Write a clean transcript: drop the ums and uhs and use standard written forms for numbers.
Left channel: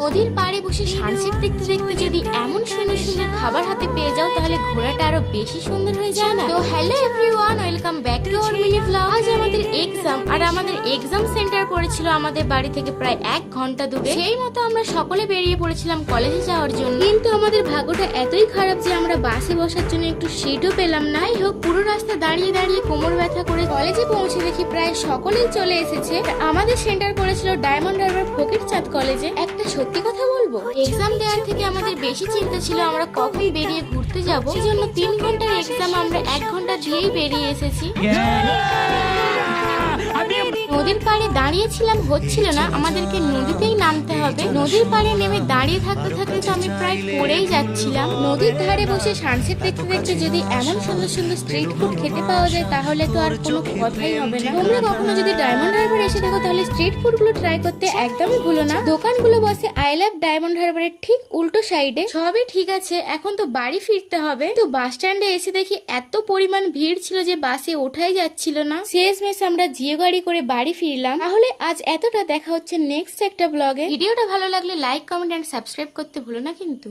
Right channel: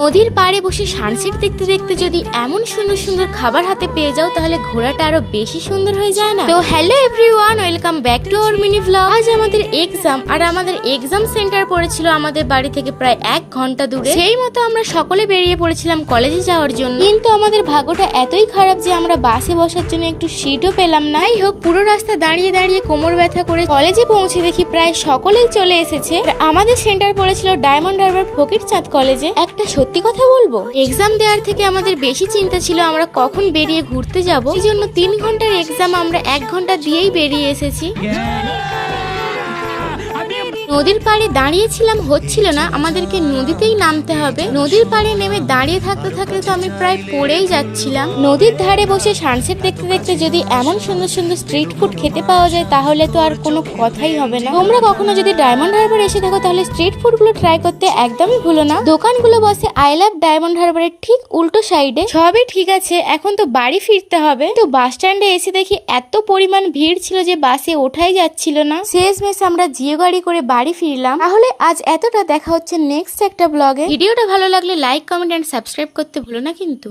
নদীর পাড়ে বসে সানসেট দেখতে দেখতে যদি এমন সুন্দর সুন্দর খাবার হাতে পেয়ে যাও তাহলে ঘোরাটা আরো বেশি সুন্দর হয়ে যায় না। তো hello everyone, welcome back to our mini vlog. আজ আমাদের এক্সাম, আর আমাদের এক্সাম সেন্টার পড়েছিল আমাদের বাড়ি থেকে প্রায় 1 ঘন্টা দূরে। সেই মতো আমরা সকলে বেরিয়ে পড়েছিলাম কলেজে যাওয়ার জন্য, কিন্তু আমাদের ভাগ্যটা এতই খারাপ যে আমরা বাসে বসার জন্য একটু সিটও পেলাম না। যাই হোক, পুরো রাস্তা দাঁড়িয়ে দাঁড়িয়ে কোমর ব্যথা করে কলেজে পৌঁছে দেখি প্রায় সকলেই চলে এসেছে। আমাদের সেন্টার পড়েছিল ডায়মন্ড হারবার ফকিরচাঁদ কলেজে। একটা সত্যি কথা বলবো, এক্সাম দেওয়ার থেকে আমাদের বেশি চিন্তা ছিল আমরা কখন বেরিয়ে ঘুরতে যাব। সেই জন্য 3 ঘন্টার এক্সাম আমরা 1 ঘন্টা দিয়েই বেরিয়ে এসেছি। নদীর পাড়ে দাঁড়িয়েছিলাম, হচ্ছিল না, আমাদেরকে নদীতেই নামতে হবে। নদীর পাড়ে নেমে দাঁড়িয়ে থাকতে থাকতে তো আমি প্রায় পড়েই যাচ্ছিলাম। নদীর ধারে বসে সানসেট দেখতে দেখতে যদি এমন সুন্দর সুন্দর স্ট্রিট ফুড খেতে পাওয়া যায় তাহলে তো আর কোনো কথাই হবে না। তোমরা কখনো যদি ডায়মন্ড হারবার এসে থাকো তাহলে স্ট্রিট ফুড গুলো ট্রাই করতে একদমই ভুলো না। দোকানগুলো বসে আই লাভ ডায়মন্ড হারবারের ঠিক উল্টো সাইডে। সবই ঠিক আছে, এখন তো বাড়ি ফিরতে হবে। তো বাস স্ট্যান্ডে এসে দেখি এত পরিমাণ ভিড় ছিল যে বাসে ওঠাই যাচ্ছিল না। শেষমেশ আমরা জিও গাড়ি করে বাড়ি ফিরলাম। তাহলে আজ এতটা, দেখা হচ্ছে নেক্সট একটা ব্লগে। ভিডিওটা ভালো লাগলে লাইক, কমেন্ট এন্ড সাবস্ক্রাইব করতে ভুলো না কিন্তু।